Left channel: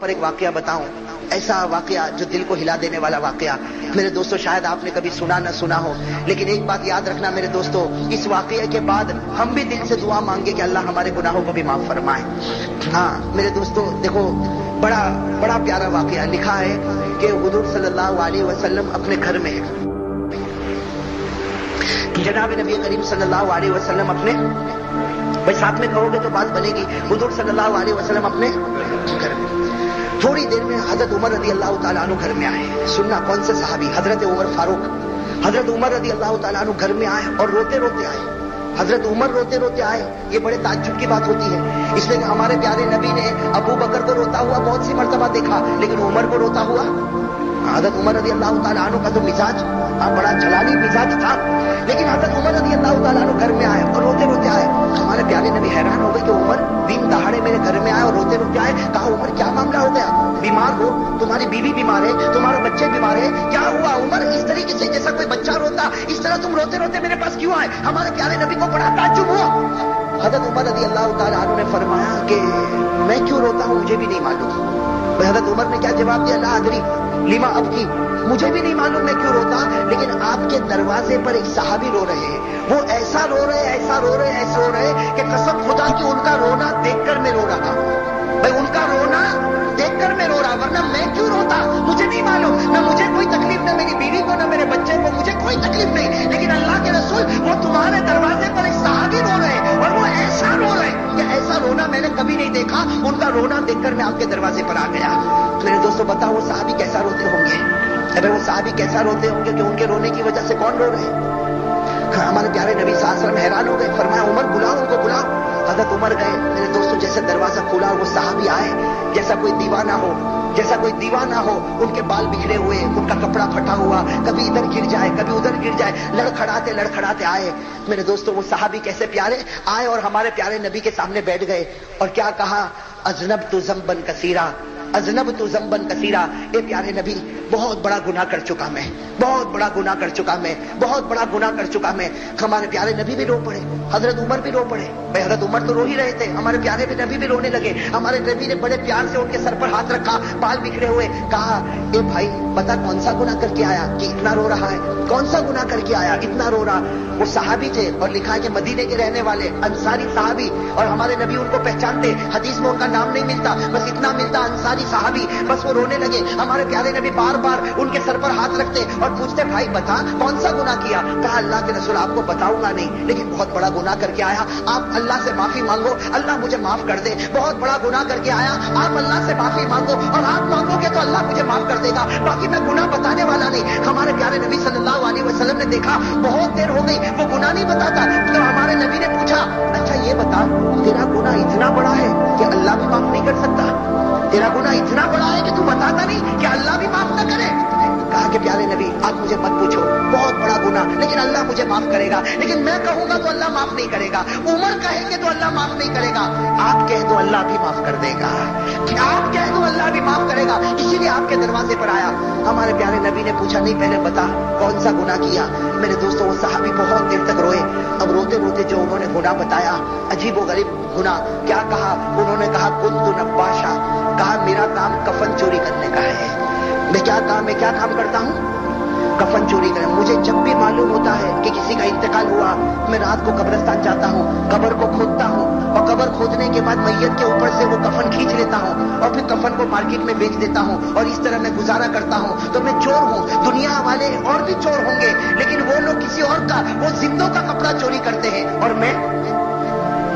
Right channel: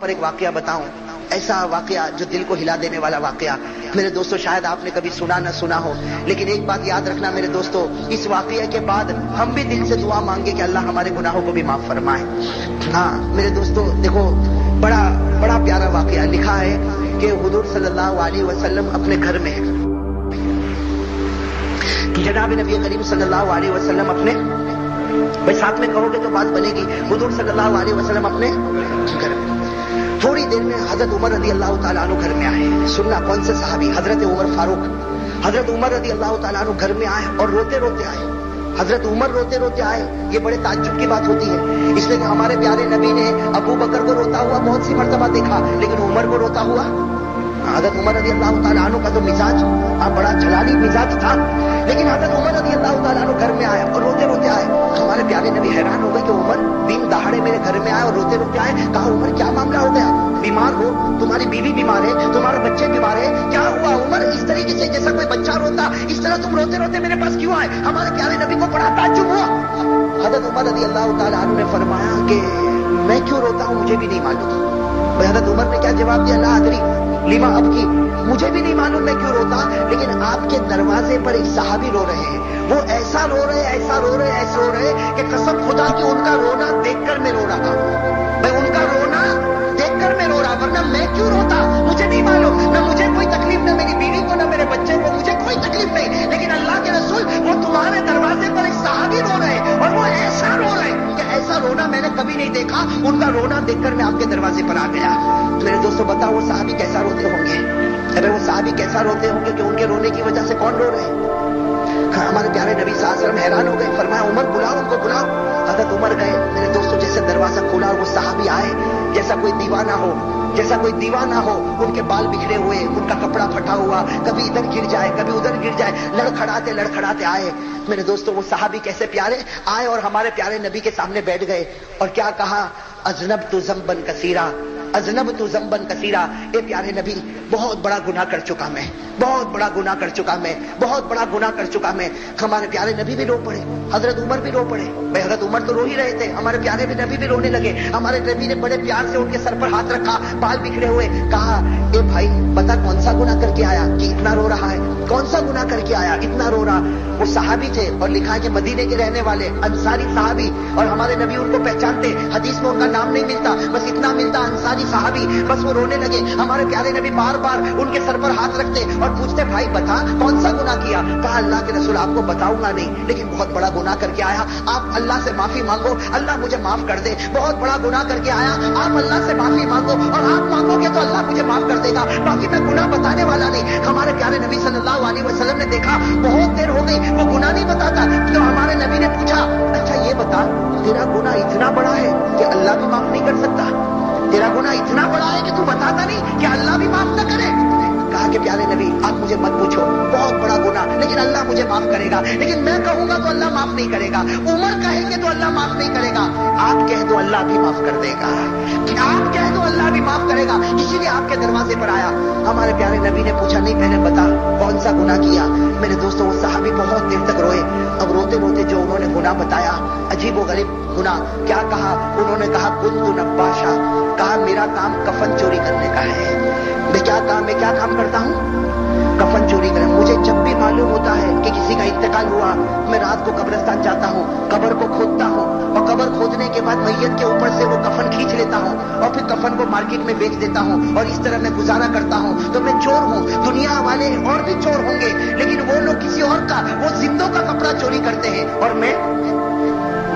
پر ایک واقعہ بتاؤں، ایسا واقعہ جو دل کو ہلا دینے والا واقعہ۔ میرے دوستو شاید آپ نے کبھی سنا نہ سنا ہو، لیکن ایک بات یاد رکھنا میرے دوستو، اس واقعے کے بعد ہم بھی دل سے دعا مانگے کہ اللہ ہمارے گناہوں کو بھی معاف فرمائے۔ ہاں میرے دوستو دیکھو، بڑا پیارا واقعہ لکھا ہے کہ حضور صلی اللہ علیہ وسلم اپنے گھر میں ہے، جناب نبی کریم صلی اللہ علیہ وسلم اپنے، بھائی ساتھ میں کہو گے تو بات بنے گی، حضور صلی اللہ علیہ وسلم اپنے گھر میں۔ تھوڑی دیر میں حضرت عمر رضی اللہ تعالیٰ عنہ گھر میں آئے۔ سننا کون سے صحابی؟ حضرت عمر فاروق۔ حضرت عمر رضی اللہ تعالیٰ عنہ گھر میں آئے اور روتے روتے آئے۔ حضرت عمر روتے روتے آئے، یہ بڑے تعجب کی بات ہوتی ہے، اس لیے کہ ہمارے پیارے نبی نے ابو بکر کو روتا ہوا بہت سی مرتبہ دیکھا، لیکن عمر کو روتا ہوا، حضرت عمر رضی اللہ تعالیٰ عنہ کا تو مزاج بڑا جلالی مزاج تھا، لیکن حضرت عمر رضی اللہ تعالیٰ عنہ گھر میں آئے اور روتے روتے آئے۔ ہمارے پیارے نبی حیران ہو گئے کہ عمر دن دہاڑے میرے گھر میں آئے اور روتے روتے آئے۔ کہا عمر کیا معاملہ ہو گیا؟ بیمار ہو؟ تمہاری بیوی بیمار ہے؟ تمہارے بچے بیمار ہے؟ کیا ہوا عمر؟ اس طریقے سے جیسا کوئی بچہ روتا، اس طرح تم روتے روتے میرے پاس کیوں آئے؟ ہمارے پیارے نبی کو بڑا تعجب ہوا۔ حضرت عمر رضی اللہ تعالیٰ عنہ نے فرمایا کہ میں کیوں روتا ہوں مجھے بھی نہیں معلوم۔ حضرت عمر نے کیا جواب دیا؟ لا ادری لما ابکی، مجھے بھی نہیں معلوم میں کیوں روتا، لیکن آپ کے دروازے پر ایک صحابی رو رہے ہیں، وہ ایسا رو رہے ایسا رو رہے ایسا رو رہے کہ قسم خدا کی ان کا رونا دیکھ کر میں رو رہا، بھائی ان کا رونا دیکھ کر میں رو رہا، ورنہ میں کیوں روتا مجھے نہیں معلوم، نہ مجھے کوئی تکلیف، نہ میری بیوی کو، نہ میرے بچے کو، مجھے کوئی تکلیف نہیں، لیکن اللہ کے رسول وہ تمہارے دروازے پر ایک صحابی رو رہے اور وہ ایسا رو رہے کہ ایسا رونا میں نے کبھی نہیں دیکھا، ان کا رونا دیکھ کر میں آپ کے دروازے پر آ گیا۔ میرے دوستو بتاؤ وہ صحابی کیسا روتے ہوں گے؟ اگر وہ صحابی کیسا روتے ہوں گے کہ ان کے رونے کی وجہ سے کون رو رہے؟ ہمارے پیارے نبی صلی اللہ علیہ وسلم حیران ہو گئے، فرمایا عمر بلاؤ ان کو، بلاؤ۔ حضرت عمر گئے، میرے دوستو جیسے دروازہ کھلا اور وہ صحابی آئے، جیسا کوئی دیوانہ ہو، جیسا کوئی دیوانہ ہو، ان کے بال بکھرے ہوئے، ان کا کپڑا پھٹا ہوا، کبھی ادھر گر جائے کبھی ادھر گر جائے، لڑکھڑاتے آئے۔ میرے دوستو وہ صحابی کیسے پیارے آئے اور ہمارے پیارے نبی کے سامنے بیٹھ گئے اور کیا کہا؟ اذنبت ذنبا کثیرا، اذنبت ذنبا کثیرا، اے پیارے نبی بہت بڑا گناہ کر چکا میں، بہت بڑا گناہ کر چکا میں، بہت بڑا گناہ کر چکا میں۔ ہمارے پیارے نبی بھی رو پڑے، حضرت عمر بھی رو پڑے، بھائی حضرت عمر تو رو ہی رہے تھے، ہمارے پیارے نبی بھی رونے لگے۔ ہمارے نبی نے بڑے پیار سے ان کے سر پر ہاتھ رکھا، بال بکھرے ہوئے، کہا اے بھائی بتا کون سا گناہ کر کے آیا کہ اتنا رو رہا ہے؟ کون سا گناہ کر کے آیا اتنا رو رہا؟ وہ صحابی تھے اور لکھا ہے کہ مدینے کے رہنے والے انصاری صحابی، اور ہمارے نبی ان کو پہچانتے، حدیث میں ان کا نام نہیں ملتا، بس اتنا ملتا انصاری صحابی۔ بس وہ رونے لگے، ہمارے پیارے نبی بار بار ان کے سر پر ہاتھ رکھتے اور پوچھتے بھائی بتا کون سا گناہ کیا؟ کہا اللہ کے رسول آپ کو بتاؤں گا نہیں، لیکن بہت بڑا گناہ کر کے آیا، آپ اللہ سے معافی مانگو، اللہ مجھے معاف کر دے۔ بہت بڑا گناہ کر کے آیا، آپ اللہ سے معافی مانگو اور آپ مانگو گے تو اللہ مجھے معاف کر دے گا، باقی میں گناہ بتانے والا نہیں۔ ہمارے پیارے نبی صلی اللہ علیہ وسلم نے دیکھا بہت دیر ہو گئی وہ گناہ نہیں بتاتا، تو ہمارے نبی نے پوچھا اچھا یہ بتا تیرا گناہ اتنا بڑا ہے کہ اللہ بھی معاف نہیں کر سکتا؟ تیرا گناہ اتنا بڑا ہے کہ تو بتاتا نہیں کہ اللہ بھی معاف نہ کرے؟ کہا کہ پیارے نبی آپ مجھے مت پوچھو، بہت بڑا گناہ، لیکن اللہ مجھے معاف کرے گا، لیکن میں کہوں گا تو اللہ معاف نہیں کرے گا، عمر کہے گے تو اللہ معاف نہیں کرے گا، آپ کہہ دو اللہ بھی معاف کر دے گا، آپ کہہ دو اللہ بھی معاف کرے گا، اسی لیے آپ کے دروازے پر آیا۔ ہمارے پیارے نبی نے پوچھا نہیں پہلے بتا کون سا گناہ کیا؟ میرے دوستو وہ صحابی بہت دیر تک روئے، اب روتے روتے جو انہوں نے گناہ بتایا عجیب و غریب گناہ، کیا کہا انہوں نے؟ کہا کنت نباشا، کہا میرا کام کفن چوری کرنے کا ہے۔ میں کیا کام کرتا ہوں؟ کفن چوری کریں۔ مجھے جب بھی معلوم ہوتا ہے کہ کسی کا انتقال ہوا، میں رات کو قبرستان جاتا ہوں، قبر کو کھودتا ہوں اور قبر کھودنے کے بعد میت کے اوپر سے وہ کفن کھینچ لیتا ہوں اور پھر کفن کو مارکیٹ میں بیچ دیتا ہوں، اور اس طرح میں گزارا کرتا ہوں۔ تو میں چور ہوں، دنیا والے اور بھی چور ہوں گے، لیکن وہ لوگ کسی اور کا، وہ زندوں کا کپڑا چوری کرتے ہیں اور میں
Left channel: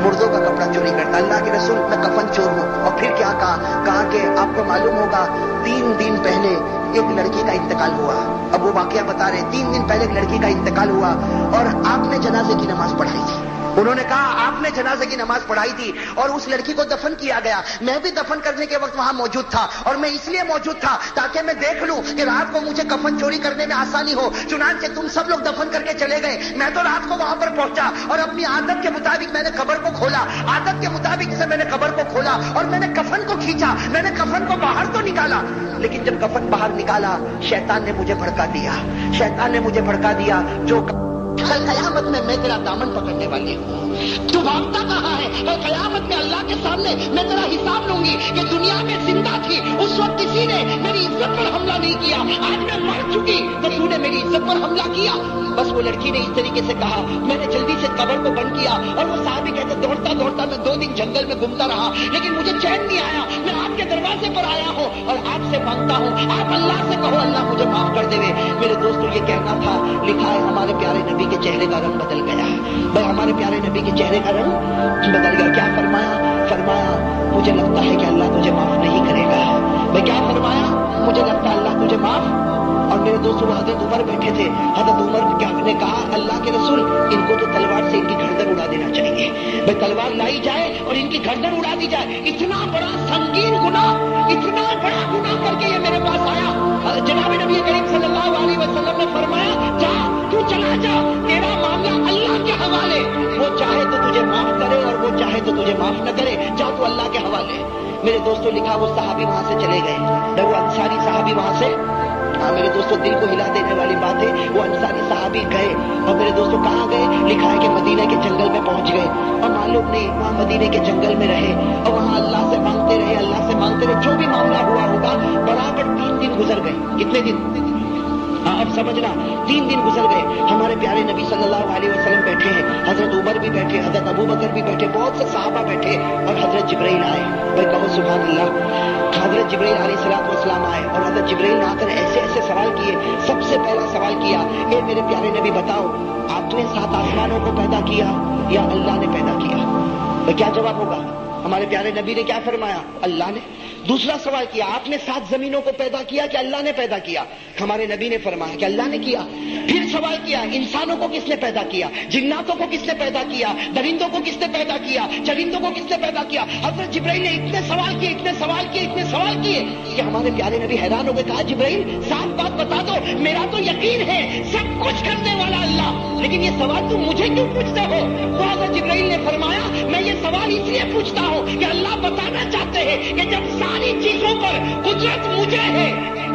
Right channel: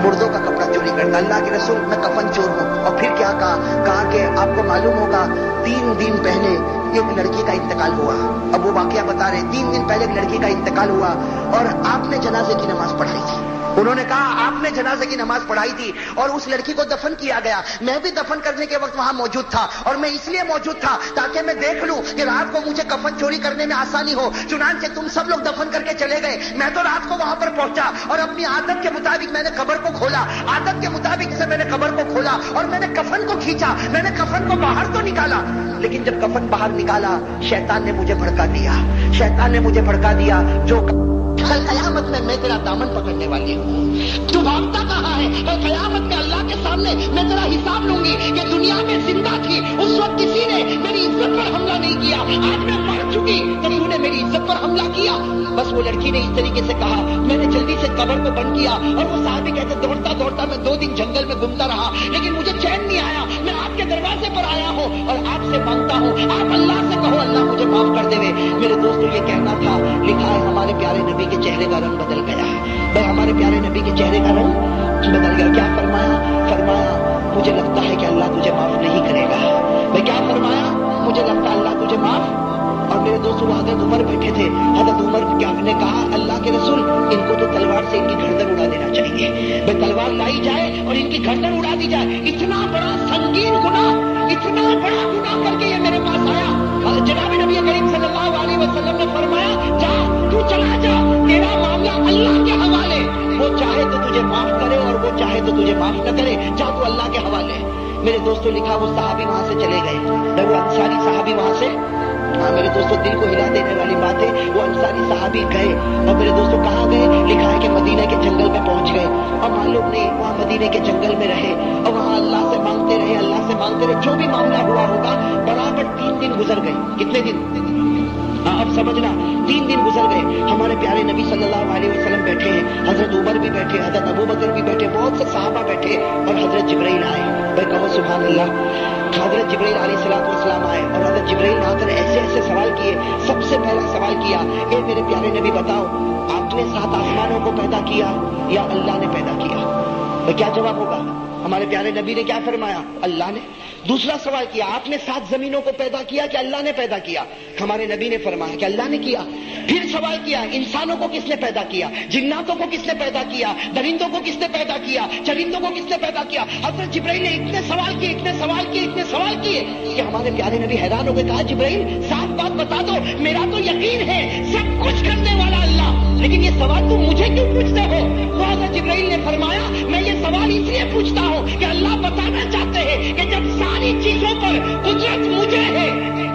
مردوں کا کپڑا چوری کرتا۔ اللہ کے رسول میں کفن چور ہوں۔ اور پھر کیا کہا کہ آپ کو معلوم ہوگا 3 دن پہلے ایک لڑکی کا انتقال ہوا۔ اب وہ واقعہ بتا رہے 3 دن پہلے ایک لڑکی کا انتقال ہوا اور آپ نے جنازے کی نماز پڑھائی تھی۔ انہوں نے کہا آپ نے جنازے کی نماز پڑھائی تھی اور اس لڑکی کو دفن کیا گیا، میں بھی دفن کرنے کے وقت وہاں موجود تھا، اور میں اس لیے موجود تھا تاکہ میں دیکھ لوں کہ رات کو مجھے کفن چوری کرنے میں آسانی ہو۔ چنانچہ تم سب لوگ دفن کر کے چلے گئے، میں تو رات کو وہاں پر پہنچا اور اپنی عادت کے مطابق میں نے قبر کو کھولا، عادت کے مطابق سے میں نے قبر کو کھولا اور میں نے کفن کو کھینچا، میں نے کفن کو باہر تو نکالا، لیکن جب کفن باہر نکالا شیطان نے مجھے بھڑکا دیا، شیطان نے مجھے بھڑکا دیا، جو کل قیامت میں تیرا دامن پکڑنے والی ہوں. تو بھاگتا کہاں ہے؟ اور قیامت میں اللہ کے سامنے میں تیرا حساب لوں گی کہ دنیا میں زندہ تھی اس وقت کسی نے میری عزت پر حملہ نہیں کیا, آج میں مر چکی تو تو نے میری عزت پر حملہ کیا. بس وہ لڑکی نے اس طریقے سے کہا, میں نے جلدی سے قبر کو بند کیا. اور وہ صحابی کہتے دوڑتا دوڑتا میں 2 دن جنگل میں گھومتا رہا لیکن مجھے چین نہیں آیا. میں آپ کے دروازے پر آیا ہوں اور آپ سے مانگتا ہوں, آپ اللہ سے کہو اللہ مجھے معاف کر دے. میرے دوستو یہ کہنا تھا, لکھا ہے ہمارے پیارے نبی کے چہرے کا رنگ بدل گیا. بھائی ہمارے پیارے نبی کے چہرے کا رنگ بدل گیا. کیا فرمایا مجھے لگتا ہے کہ اللہ تجھے معاف نہیں کرے گا. بھائی کیا فرمایا؟ مجھے لگتا ہے اللہ تجھے معاف. اور میرے دوستوں وہ حضرت عمر بیٹھے تھے. حضرت عمر نے کہا اللہ کے رسول ان کو تو تلوار سے ان کی گردن اڑا دینا چاہیے. بھائی تلوار لائی جائے اور ان کی گردن اڑا دی جائے. اتنا بڑا سنگین گناہ, اتنا بڑا گناہ کر کے یہ میرے پاس آیا. جناب نبی کریم صلی اللہ علیہ وسلم نے فرمایا جا تو چلا جا, تیرا معاملہ اللہ کے حوالے. وہ چاہے تو تجھے معاف کرے اور وہ چاہے تو تجھے معاف نہ کرے, جا تو اللہ کے حوالے. میرے دوستوں لکھا وہ صحابی وہاں سے چلے گئے. وہ انصاری صحابی وہاں سے, ہاں میرے دوستوں دل کو ہلا دینے والی بات ہے, وہ انصاری صحابی گئے. اور میرے دوستوں کہاں گئے؟ لکھا ہے کہ مدینہ کے جنگل میں پہنچ گئے. اور معلوم نہیں وہاں مدینہ کے جنگل میں رہے اور وہاں اللہ سے مانگتے رہے. جو بھی معاملہ ہوا ہوگا برابر 3 دن گزر گئے. کتنے دن؟ ہاں اب سمجھنا, 3 دن گزر گئے. ہمارے پیارے نبی صلی اللہ علیہ وسلم بیٹھے ہیں, حضرت عمر بھی بیٹھے, حضرت ابو بکر بھی بیٹھے, بہت سے صحابہ بیٹھے اور حضرت جبرائیل آئے. بھائی کہو سبحان اللہ. حضرت جبرائیل علیہ السلام آئے اور حضرت جبرائیل نے آ کر ایسے سوال کیے. سب سے پہلا سوال کیا, اے میرے پیارے نبی بتاؤ آپ نے 7 آسمانوں کو پیدا کیا یا اللہ نے پیدا کیا؟ بھائی کیا جواب ہوگا؟ ہمارے پیارے نبی نے کیا فرمایا؟ اللہ نے. دوسرا سوال کیا, آپ نے 7 زمینوں کو پیدا کیا کہ اللہ نے پیدا کیا؟ ہمارے نبی نے فرمایا کہ اللہ نے کیا. پھر سوال کیا, انسانوں کو کس نے پیدا کیا, جناتوں کو کس نے پیدا کیا, درندوں کو کس نے پیدا کیا, چرندوں کو کس نے پیدا کیا؟ حضرت جبرائیل نے اتنے سوال کیے کہ ہمارے پیارے نبی حیران ہو گئے. کہا جبرائیل صاف بات بتا دو, میرا تو یقین ہے سب کچھ کرنے والا اللہ, لیکن یہ سوال تم مجھے کیوں پوچھتے ہو؟ تو حضرت جبرائیل نے فرمایا میں یہ سوال اس لیے پوچھتا ہوں کہ اللہ بتانا چاہتے ہیں کہ جب ساری چیزوں پر قدرت مجھے ہے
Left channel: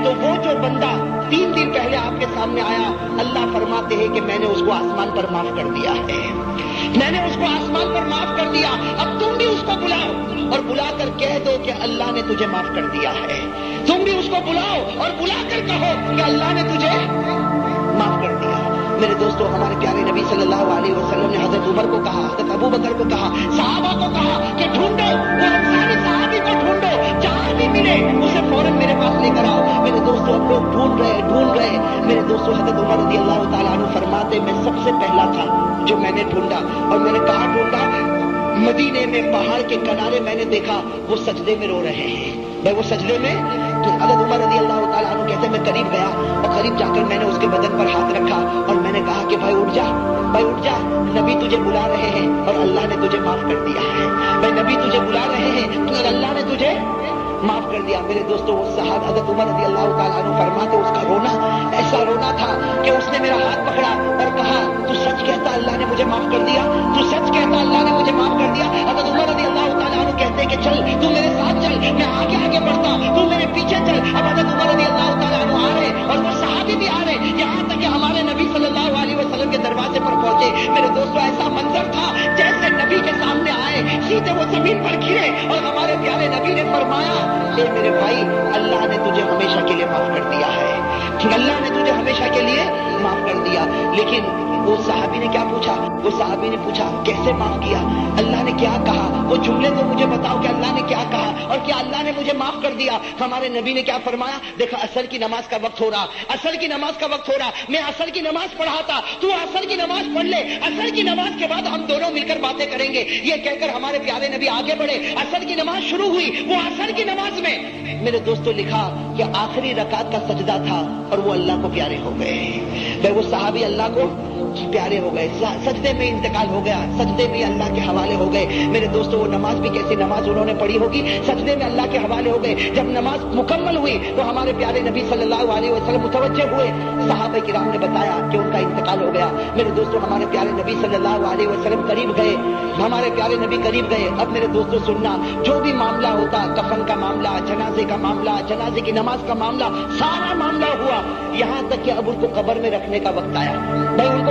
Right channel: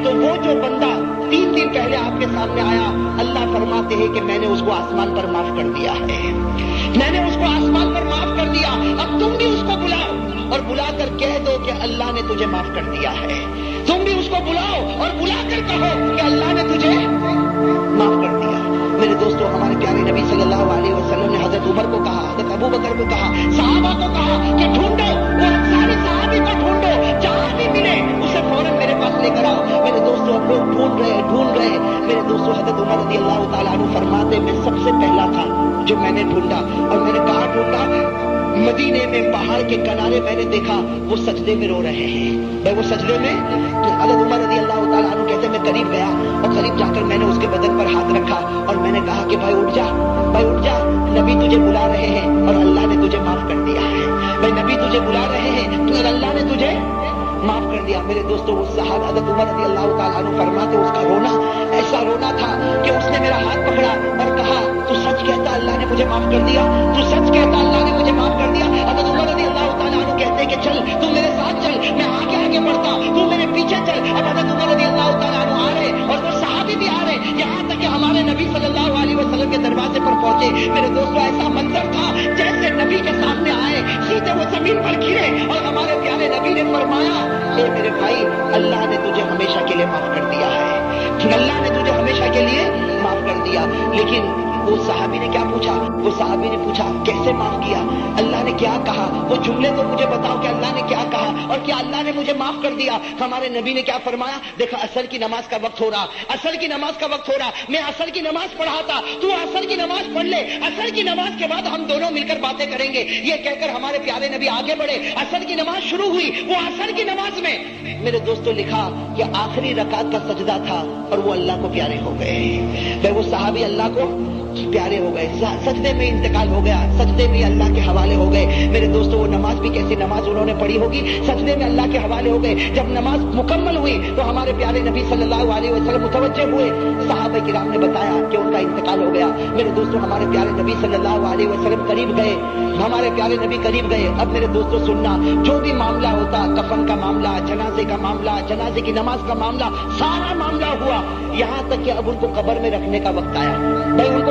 تو وہ جو بندہ 3 دن پہلے آپ کے سامنے آیا, اللہ فرماتے ہیں کہ میں نے اس کو آسمان پر معاف کر دیا ہے. میں نے اس کو آسمان پر معاف کر دیا. اب تم بھی اس کو بلاؤ اور بلا کر کہہ دو کہ اللہ نے تجھے معاف کر دیا ہے. تم بھی اس کو بلاؤ اور بلا کر کہو کہ اللہ نے تجھے معاف کر دیا. میرے دوستوں ہمارے پیارے نبی صلی اللہ علیہ وسلم نے حضرت عمر کو کہا, حضرت ابو بکر کو کہا, صحابہ کو کہا کہ ڈھونڈو وہ انصاری صحابی کو ڈھونڈو, جہاں بھی ملے اسے فوراً میرے پاس لے کر آؤ. میرے دوستوں اب لوگ ڈھونڈ رہے. میرے دوستوں حضرت عمر رضی اللہ تعالیٰ عنہ فرماتے میں سب سے پہلا تھا جو میں نے ڈھونڈا. اور میں نے کہا ڈھونڈا, مدینے میں پہاڑ کے کنارے میں نے دیکھا وہ سجدے میں رو رہے ہیں. بھائی وہ سجدے میں, حضرت عمر رضی اللہ تعالیٰ عنہ کہتے میں قریب گیا اور قریب جا کر میں نے اس کے بدن پر ہاتھ رکھا اور میں نے کہا کہ بھائی اٹھ جا, نبی تجھے بلا رہے ہیں اور اللہ نے تجھے معاف کر دیا ہے. بھائی نبی تجھے بلا رہے ہیں اور اللہ نے تجھے معاف کر دیا. میرے دوستوں وہ صحابہ حضرت عمر رضی اللہ تعالیٰ عنہ فرماتے اس کا رونا ایسا رونا تھا کہ اس نے میرا ہاتھ پکڑا اور کہا تو سچ کہتا اللہ نے مجھے معاف کر دیا, تو سچ کہتا اللہ نے مجھے معاف کر دیا. حضرت عمر رضی اللہ تعالیٰ عنہ کہتے کہ چل تو میرے ساتھ چل, میں آگے بڑھتا, تو میرے پیچھے چل. اب حضرت عمر رضی اللہ تعالیٰ عنہ آ رہے اور وہ صحابی بھی آ رہے, یہاں تک کہ ہمارے نبی صلی اللہ علیہ وسلم کے دروازے پر پہنچے. میرے دوستوں ایسا منظر تھا جیسے نبی کے سامنے آئے سیدھے وہ زمین پر گرے اور ہمارے پیارے نبی نے فرمایا اے میرے بھائی اللہ نے تجھے ہمیشہ کے لیے معاف کر دیا ہے, اللہ نے تجھے ہمیشہ کے لیے معاف کر دیا. لیکن وہ صحابی نے کیا پوچھا؟ وہ صحابی نے پوچھا کیسے معاف کیا, اللہ نے کیا کہا, وہ جملے تو مجھے بتاؤ کہ اللہ نے کیا کہا اور کیا اللہ نے مجھے معاف کر دیا. ہمارے نبی نے کیا فرمایا, دیکھا عصر کی نماز کا وقت ہو رہا, عصر کی نماز کا وقت ہو رہا, میں عصر کی نماز پڑھاتا, تو عصر کی نماز پڑھ لے, عصر کی نماز کے بعد ہم دونوں مل کر باتیں کریں گے. یہ کہہ کر ہمارے پیارے نبی آگے بڑھے, عصر کی نماز شروع ہوئی. وہ عصر کی نماز میں میرے دوستوں لکھا کہ آخری رکعت کا سجدہ تھا اور وہ اللہ کو پیارے ہو گئے. وہ صحابی اللہ کو پیارے ہو گئے, سجدے میں انتقال ہو گیا, سجدے میں اللہ کے حوالے ہو گئے. میرے دوستوں وہ نماز بھی کیسی نماز انہوں نے پڑھی ہوگی, سجدے میں اللہ کے حوالے ہو گئے. جب نماز مکمل ہوئی تو ہمارے پیارے نبی صلی اللہ علیہ وسلم متوجہ ہوئے, صحابہ کرام نے بتایا کہ ان کا انتقال ہو گیا. میرے دوستوں ہمارے پیارے نبی صلی اللہ علیہ وسلم قریب گئے, ہمارے پیارے نبی قریب گئے. اب میرے دوستوں سننا, جو بھی معاملہ ہوتا, کفن کا معاملہ, جنازے کا معاملہ, جنازے کی نماز کا معاملہ, سارا معاملہ ہوا, یہاں تک کہ اب ان کو قبر میں رکھنے کا وقت آیا. بھائی ان کو